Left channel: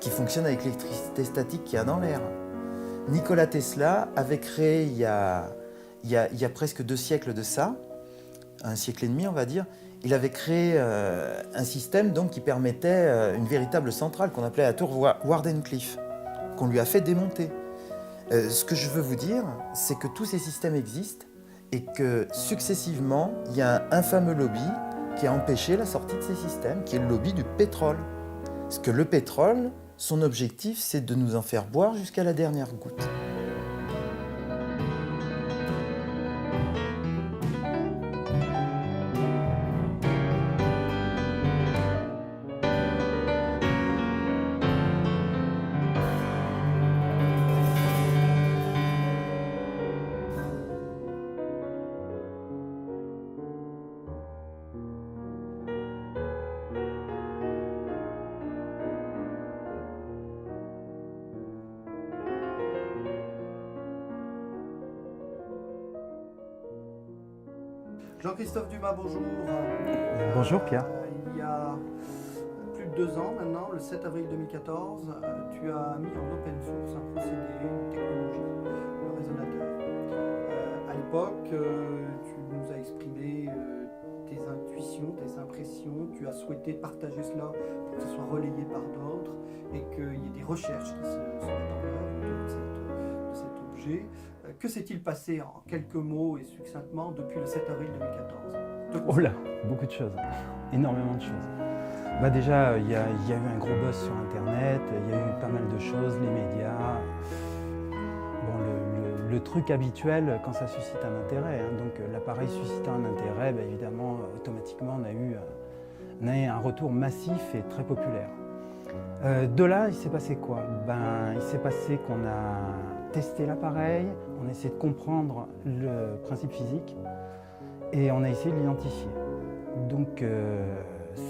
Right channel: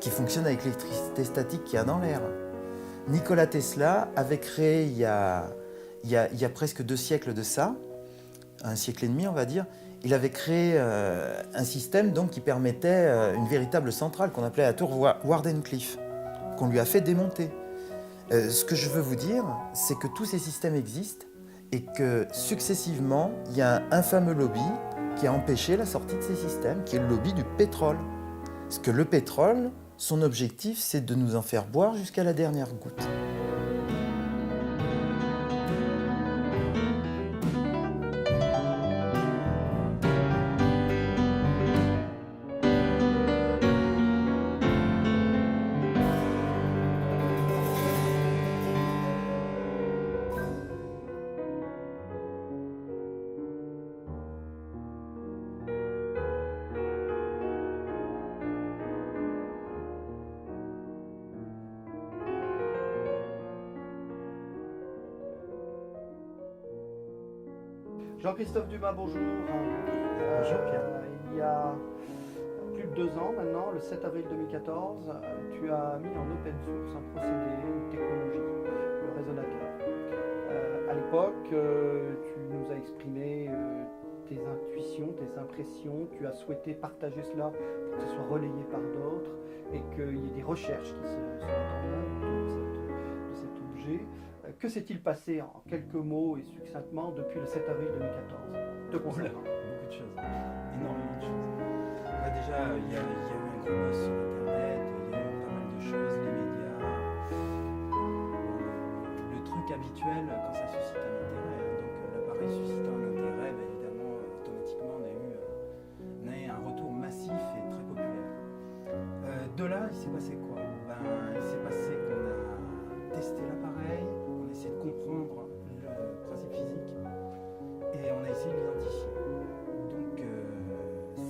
qui fonctionne avec l'électricité statique qu'il y a dans l'air. Nikola Tesla avait créé il y a presque 2 siècles de ça, 1 siècle et demi on va dire, il avait créé un système donc, qui permettait une véritable centrale qu'on appelait la tour Wardenclyffe, qu'on lui a fait démonter. Ce que je veux vous dire, c'est que tous ces systèmes existent et que successivement, il y a un fameux lobby qui a empêché la sortie de ces systèmes, qui est le lobby du pétrole. Parce que le pétrole, son objectif, c'est de nous en faire boire jusqu'à la dernière goutte. Jean-Christophe Dumas, bonjour. Bonjour Pierre. Il y a plus de 2 ans maintenant, le 7 avril 2014, tu as mis en open source un procédé, une technologie, le résonateur. À l'époque, tu nous as exprimé tes intuitions, tes impressions, tu as souhaité partager cela pour que ce soit relayé par d'autres et qu'il y ait des recherches qui se mettent en œuvre autour de cet objet. Que s'est-il passé en quelques mots et succinctement depuis le 7 avril 2014 Oh là, beaucoup de choses, énormément de choses. Bah déjà, il y a eu un gros buzz sur Internet, il y a eu pas mal de choses, les médias. Bon, le truc habituel quand ça suscite un intérêt, hein. Donc l'appareil suscitant un intérêt, bah, évidemment, automatiquement, on a eu un retour massif et très populaire. De là, il s'est passé quoi? Il s'est passé qu'on a testé l'appareil, on a essayé de comprendre le principe physique et on a essayé de l'identifier. Donc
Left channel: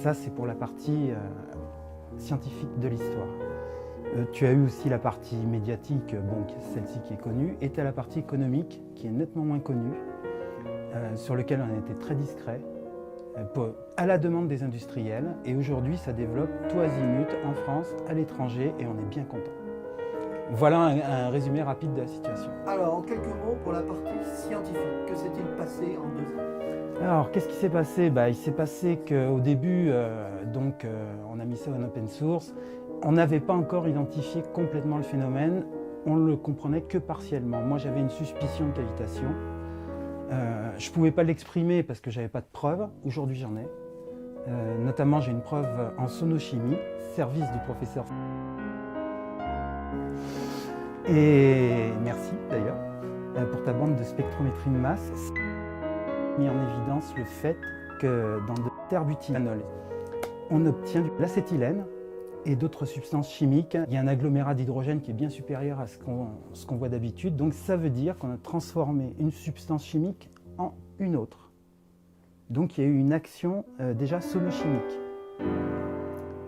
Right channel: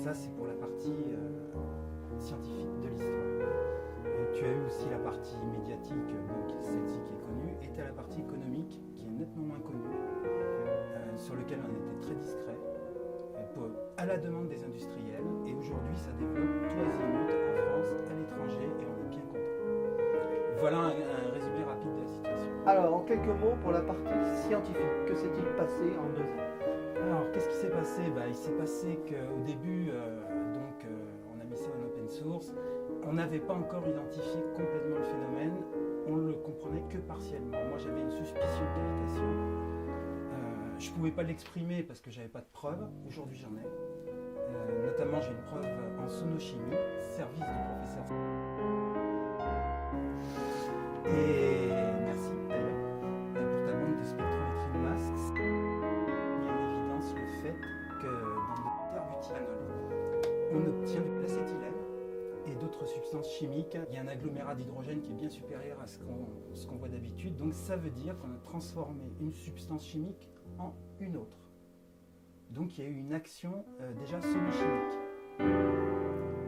ça, c'est pour la partie scientifique de l'histoire. Tu as eu aussi la partie médiatique, bon, celle-ci qui est connue, et tu as la partie économique qui est nettement moins connue, sur laquelle on a été très discret, à la demande des industriels. Et aujourd'hui, ça développe tout azimut en France, à l'étranger, et on est bien content. Voilà un résumé rapide de la situation. Alors, en quelques mots, pour la partie scientifique, que s'est-il passé en 2 ans? Alors, qu'est-ce qui s'est passé? Il s'est passé qu'au début, on a mis ça en open source. On n'avait pas encore identifié complètement le phénomène. On ne le comprenait que partiellement. Moi, j'avais une suspicion de cavitation. Je ne pouvais pas l'exprimer parce que je n'avais pas de preuves. Aujourd'hui, j'en ai. Notamment, j'ai une preuve en sonochimie, service du professeur. Et merci d'ailleurs pour ta bande de spectrométrie de masse. Mis en évidence le fait que dans de terbutylanol, on obtient de l'acétylène et d'autres substances chimiques. Il y a un agglomérat d'hydrogène qui est bien supérieur à ce qu'on voit d'habitude. Donc ça veut dire qu'on a transformé une substance chimique en une autre. Donc il y a eu une action déjà sonochimique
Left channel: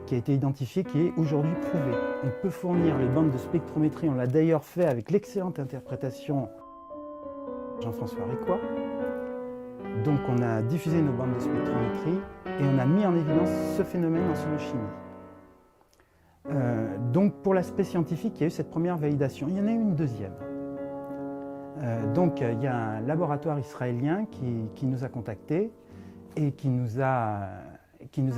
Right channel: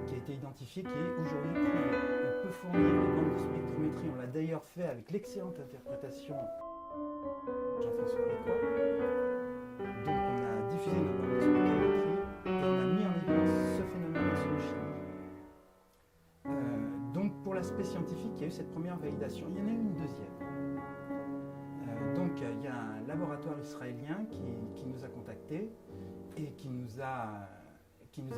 qui a été identifiée, qui est aujourd'hui prouvée. On peut fournir les bandes de spectrométrie, on l'a d'ailleurs fait avec l'excellente interprétation de Jean-François Ricois. Donc on a diffusé nos bandes de spectrométrie et on a mis en évidence ce phénomène en sonochimie. Donc pour l'aspect scientifique, il y a eu cette première validation. Il y en a eu une deuxième. Donc il y a un laboratoire israélien qui nous a contactés et qui nous a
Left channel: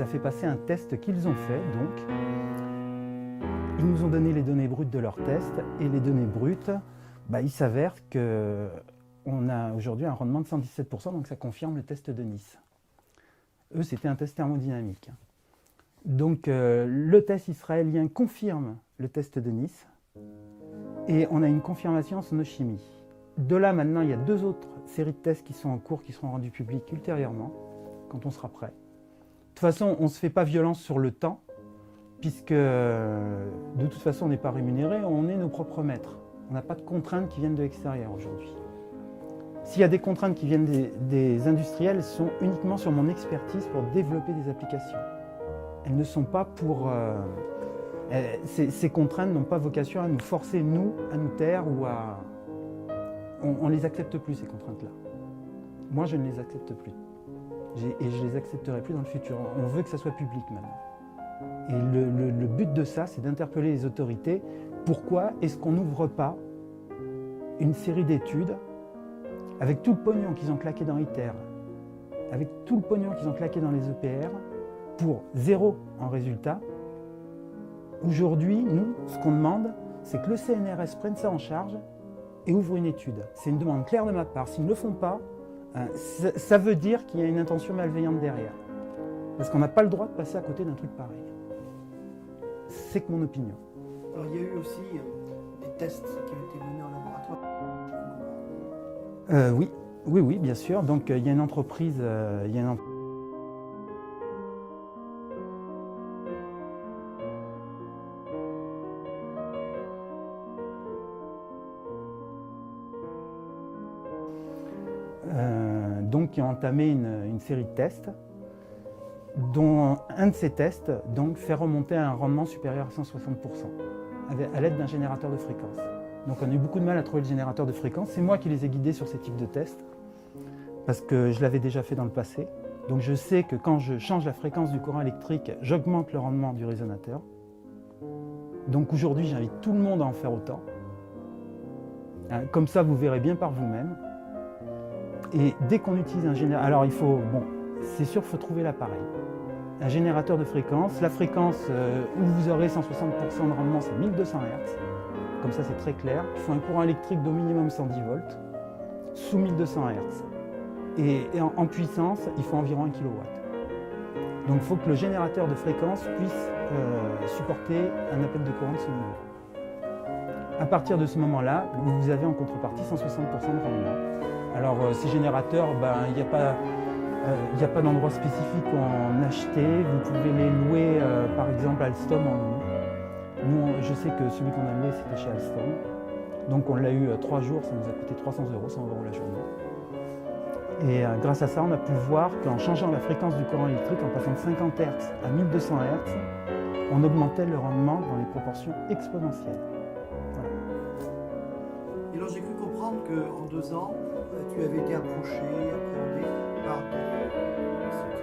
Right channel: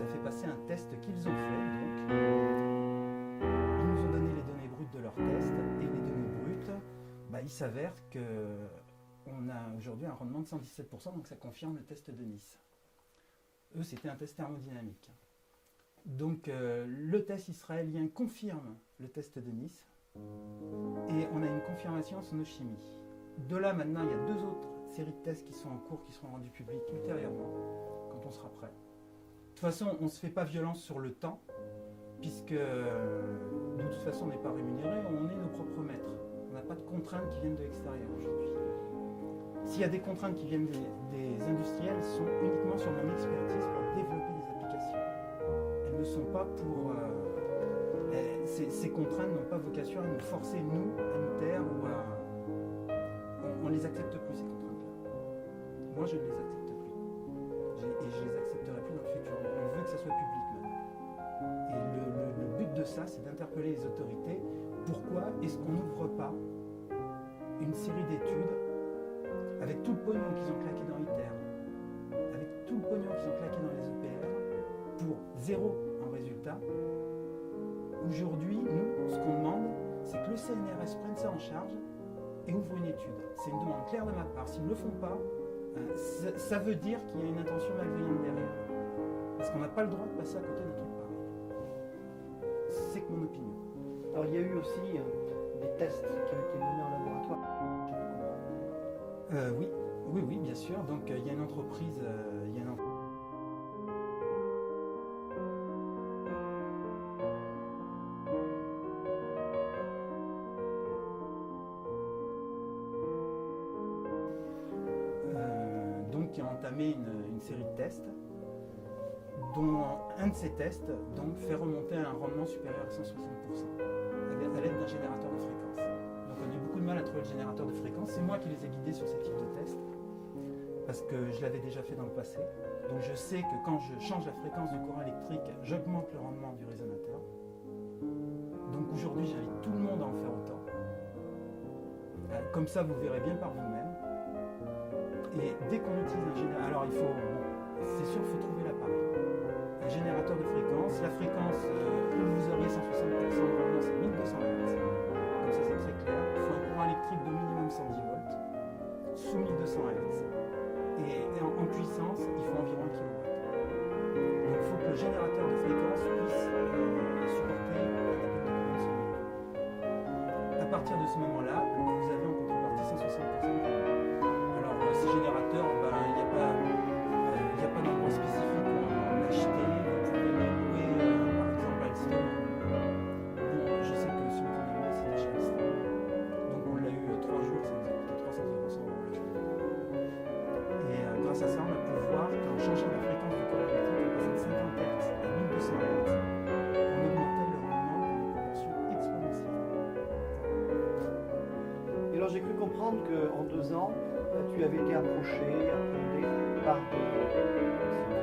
fait passer un test qu'ils ont fait. Donc ils nous ont donné les données brutes de leur test et les données brutes, il s'avère qu'on a aujourd'hui un rendement de 117%, donc ça confirme le test de Nice. Eux, c'était un test thermodynamique. Donc le test israélien confirme le test de Nice et on a une confirmation en sonochimie. De là, maintenant, il y a 2 autres séries de tests qui sont en cours, qui seront rendus publics ultérieurement, quand on sera prêt. De toute façon, on ne se fait pas violence sur le temps, puisque de toute façon, on n'est pas rémunéré, on est nos propres maîtres. On n'a pas de contraintes qui viennent de l'extérieur aujourd'hui. S'il y a des contraintes qui viennent des industriels, elles sont uniquement sur mon expertise pour développer des applications. Elles ne sont pas pour... ces contraintes n'ont pas vocation à nous forcer, nous, à nous taire ou à... On ne les accepte plus, ces contraintes-là. Moi, je ne les accepte plus. Et je ne les accepterai plus dans le futur. On veut que ça soit public maintenant. Et le but de ça, c'est d'interpeller les autorités. Pourquoi est-ce qu'on n'ouvre pas une série d'études avec tout le pognon qu'ils ont claqué dans ITER, avec tout le pognon qu'ils ont claqué dans les EPR, pour zéro en résultat? Aujourd'hui, nous, ce qu'on demande, c'est que le CNRS prenne ça en charge et ouvre une étude. C'est une demande claire de ma part. S'ils ne le font pas, ça veut dire qu'il y a une intention malveillante derrière. Parce qu'on n'a pas le droit de passer à côté d'un truc pareil. C'est que mon opinion. Alors il y a eu aussi des tests qui ont été menés en laboratoire. Oui, bien sûr. Donc il y a une entreprise, qui a entamé une série de tests, dont un de ces tests donc, fait remonter à un rendement supérieur à 160% à l'aide d'un générateur de fréquence. Donc on a eu beaucoup de mal à trouver le générateur de fréquence. C'est moi qui les ai guidés sur ces types de tests, parce que je l'avais déjà fait dans le passé. Donc je sais que quand je change la fréquence du courant électrique, j'augmente le rendement du résonateur. Donc aujourd'hui, j'invite tout le monde à en faire autant. Comme ça, vous verrez bien par vous-même. Et dès qu'on utilise un générateur, alors il faut, c'est sûr, il faut trouver l'appareil. Un générateur de fréquence, la fréquence où vous aurez 160% de rendement, c'est 1200 Hz. Comme ça, c'est très clair. Il faut un courant électrique d'au minimum 110 volts, sous 1200 Hz. Et en puissance, il faut environ 1 kW. Donc il faut que le générateur de fréquence puisse supporter un appel de courant de ce niveau. À partir de ce moment-là, vous avez en contrepartie 160% de rendement. Alors ces générateurs, il n'y a pas d'endroit spécifique où en acheter. Vous pouvez les louer par exemple à Alstom en ligne. Nous, je sais que celui qu'on a loué, c'était chez Alstom. Donc on l'a eu 3 jours, ça nous a coûté 300 €, 100 € la journée. Et grâce à ça, on a pu voir qu'en changeant la fréquence du courant électrique, en passant de 50 Hz à 1200 Hz, on augmentait le rendement dans des proportions exponentielles. Voilà. Et alors j'ai cru comprendre qu'en 2 ans, tu avais été approché, appréhendé par des scientifiques universitaires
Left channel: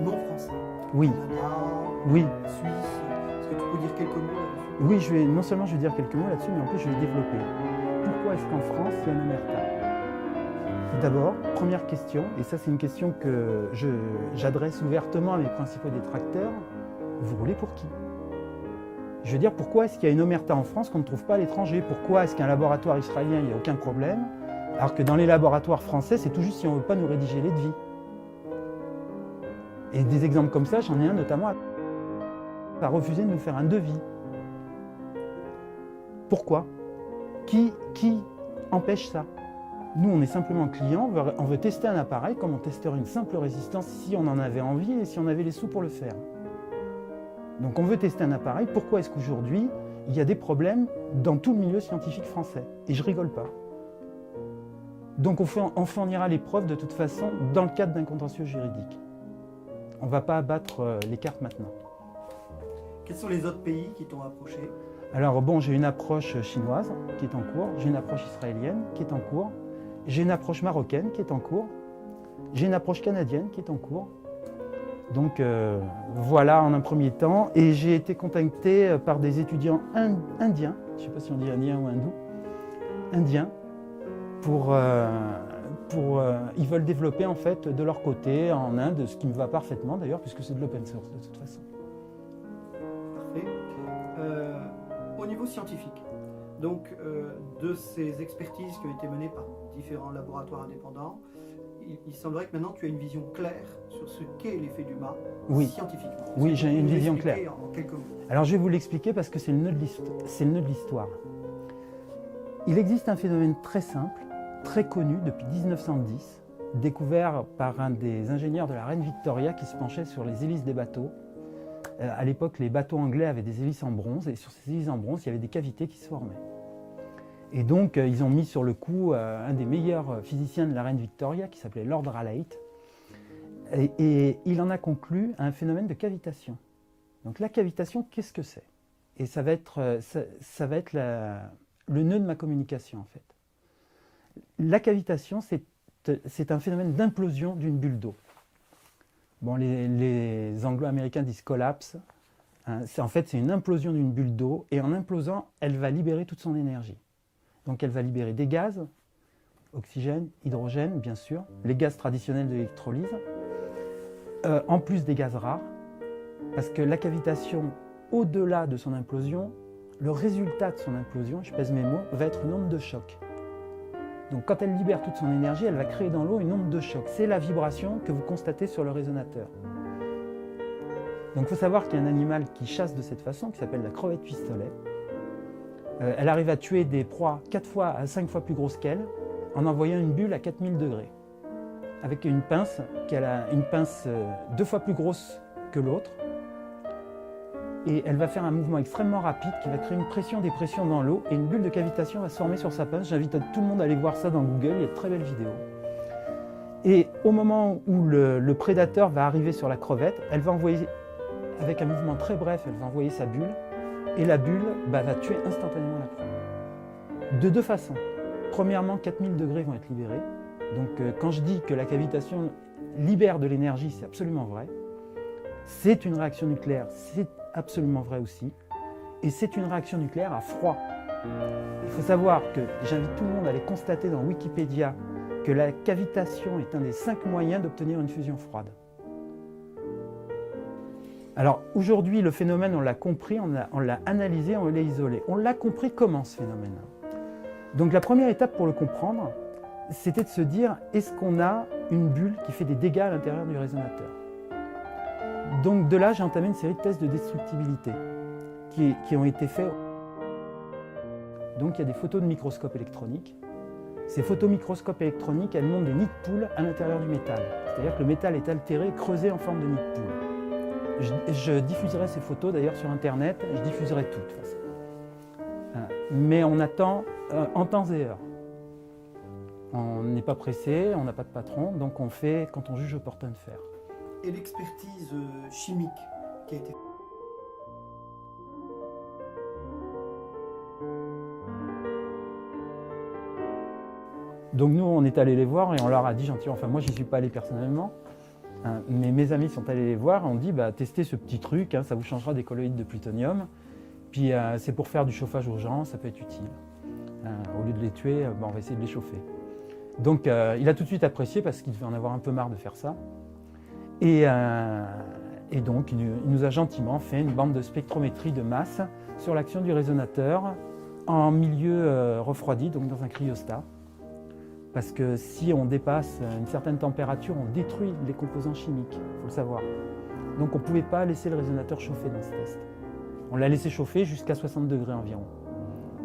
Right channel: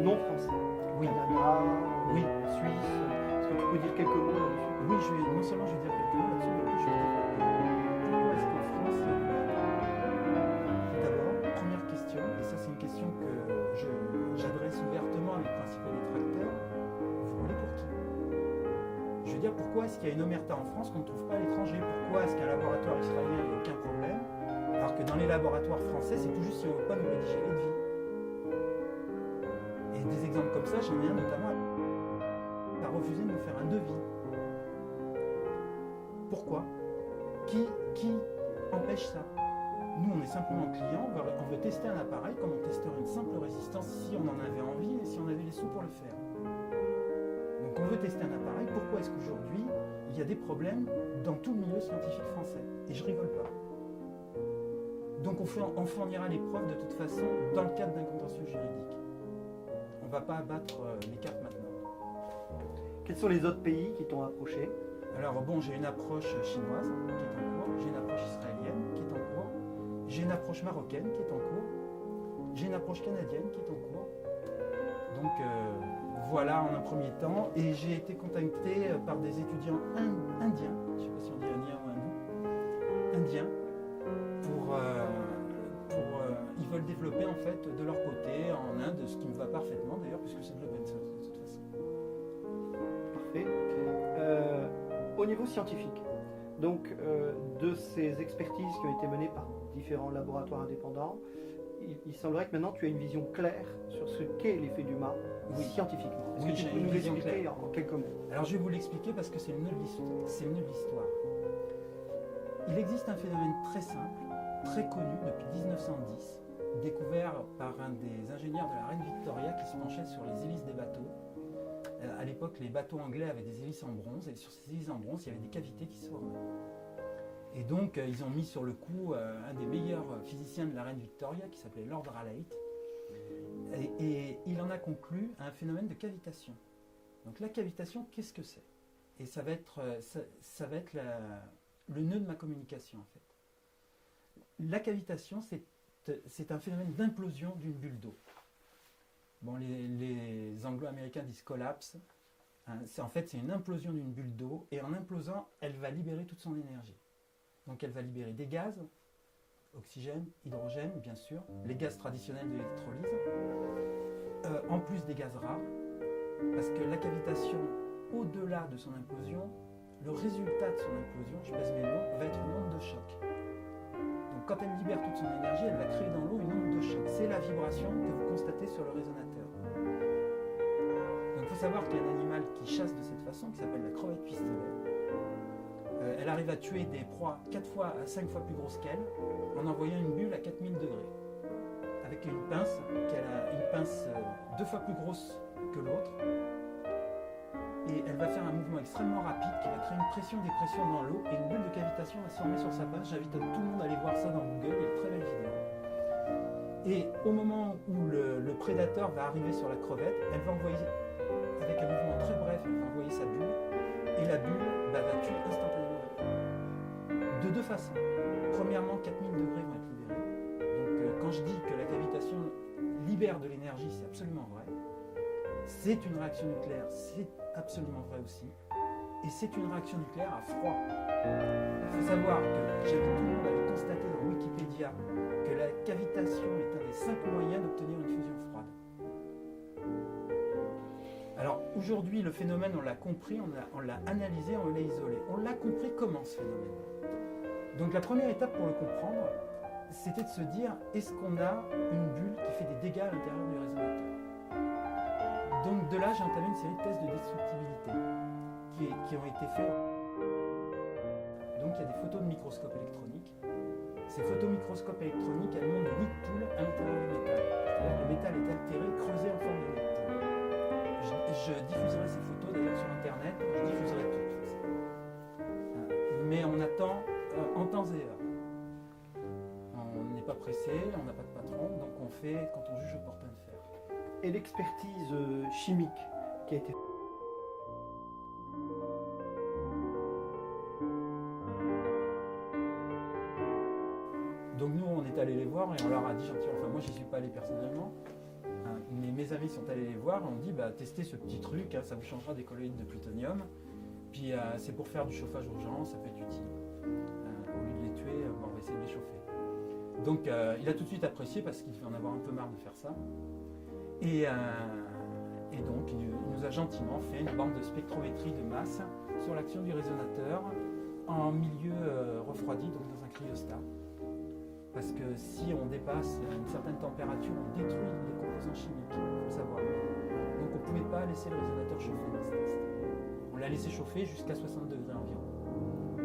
non français. Oui. Canada, Oui. Suisse. Est-ce que tu peux dire quelques mots là-dessus? Oui, non seulement je vais dire quelques mots là-dessus, mais en plus je vais développer. Pourquoi est-ce qu'en France, il y a une omerta? D'abord, première question, et ça c'est une question que j'adresse ouvertement à mes principaux détracteurs, vous roulez pour qui? Je veux dire, pourquoi est-ce qu'il y a une omerta en France qu'on ne trouve pas à l'étranger? Pourquoi est-ce qu'un laboratoire israélien, il n'y a aucun problème, alors que dans les laboratoires français, c'est tout juste si on ne veut pas nous rédiger les devis? Et des exemples comme ça, j'en ai un notamment à refuser de nous faire un devis. Pourquoi? Qui empêche ça? Nous, on est simplement client, on veut tester un appareil comme on testerait une simple résistance si on en avait envie et si on avait les sous pour le faire. Donc on veut tester un appareil. Pourquoi est-ce qu'aujourd'hui, il y a des problèmes dans tout le milieu scientifique français? Et je rigole pas. Donc on fournira les preuves de toute façon dans le cadre d'un contentieux juridique. On ne va pas abattre les cartes maintenant. Quels sont les autres pays qui t'ont approché? Alors bon, j'ai une approche chinoise qui est en cours, j'ai une approche israélienne qui est en cours, j'ai une approche marocaine qui est en cours, j'ai une approche canadienne qui est en cours. Donc voilà en un premier temps. Et j'ai été contacté par des étudiants indiens, je ne sais pas si on dit indien ou hindou, indiens, ils veulent développer en fait de leur côté en Inde, ce qui me va parfaitement d'ailleurs, puisque c'est de l'open source de toute façon. Parfait. Au niveau scientifique, donc de ces expertises qui ont été menées par différents laboratoires indépendants, il semblerait que maintenant tu as une vision claire sur ce qu'est l'effet du mât scientifiquement. Oui, j'ai une vision claire. En quelques mots. Alors je vais vous l'expliquer parce que c'est le nœud de l'histoire. Il existe un phénomène très simple, très connu depuis 1910, découvert par un des ingénieurs de la reine Victoria qui se penchait sur les hélices des bateaux. À l'époque, les bateaux anglais avaient des hélices en bronze et sur ces hélices en bronze, il y avait des cavités qui se formaient. Et donc, ils ont mis sur le coup un des meilleurs physiciens de la reine Victoria qui s'appelait Lord Rayleigh. Et il en a conclu un phénomène de cavitation. Donc la cavitation, qu'est-ce que c'est? Et ça va être le nœud de ma communication en fait. La cavitation, c'est un phénomène d'implosion d'une bulle d'eau. Bon, les Anglo-Américains disent collapse. Hein, en fait, c'est une implosion d'une bulle d'eau, et en implosant, elle va libérer toute son énergie. Donc elle va libérer des gaz, oxygène, hydrogène, bien sûr, les gaz traditionnels de l'électrolyse, en plus des gaz rares, parce que la cavitation, au-delà de son implosion, le résultat de son implosion, je pèse mes mots, va être une onde de choc. Donc quand elle libère toute son énergie, elle va créer dans l'eau une onde de choc. C'est la vibration que vous constatez sur le résonateur. Donc il faut savoir qu'il y a un animal qui chasse de cette façon, qui s'appelle la crevette pistolet. Elle arrive à tuer des proies 4 fois à 5 fois plus grosses qu'elle, en envoyant une bulle à 4000 degrés, avec une pince, une pince 2 fois plus grosse que l'autre. Et elle va faire un mouvement extrêmement rapide qui va créer une pression, des pressions dans l'eau, et une bulle de cavitation va se former sur sa pince. J'invite tout le monde à aller voir ça dans Google, il y a de très belles vidéos. Et au moment où le prédateur va arriver sur la crevette, elle va envoyer, avec un mouvement très bref, elle va envoyer sa bulle, et la bulle va tuer instantanément la proie. De deux façons. Premièrement, 4000 degrés vont être libérés. Donc quand je dis que la cavitation libère de l'énergie, c'est absolument vrai. C'est une réaction nucléaire, c'est absolument vrai aussi. Et c'est une réaction nucléaire à froid. Il faut savoir que j'invite tout le monde à aller constater dans Wikipédia que la cavitation est un des 5 moyens d'obtenir une fusion froide. Alors aujourd'hui, le phénomène, on l'a compris, on l'a analysé, on l'a isolé. On l'a compris comment ce phénomène. Donc la première étape pour le comprendre, c'était de se dire, est-ce qu'on a une bulle qui fait des dégâts à l'intérieur du résonateur? Donc de là, j'ai entamé une série de tests de destructibilité qui ont été faits. Donc il y a des photos de microscope électronique. Ces photos microscope électronique, elles montrent des nids de poules à l'intérieur du métal. C'est-à-dire que le métal est altéré, creusé en forme de nid de poule. Je diffuserai ces photos d'ailleurs sur Internet, je diffuserai tout de toute façon. Mais on attend en temps et heure. On n'est pas pressé, on n'a pas de patron, donc on fait quand on juge opportun de faire. Et l'expertise chimique qui a été faite. Donc nous, on est allé les voir et on leur a dit gentiment, enfin moi j'y suis pas allé personnellement, hein, mais mes amis sont allés les voir et on dit testez ce petit truc, hein, ça vous changera des colloïdes de plutonium, puis c'est pour faire du chauffage urgent, ça peut être utile. Au lieu de les tuer, on va essayer de les chauffer. Donc il a tout de suite apprécié parce qu'il devait en avoir un peu marre de faire ça. Et donc, il nous a gentiment fait une bande de spectrométrie de masse sur l'action du résonateur en milieu refroidi, donc dans un cryostat. Parce que si on dépasse une certaine température, on détruit les composants chimiques, il faut le savoir. Donc on ne pouvait pas laisser le résonateur chauffer dans ce test. On l'a laissé chauffer jusqu'à 60 degrés environ.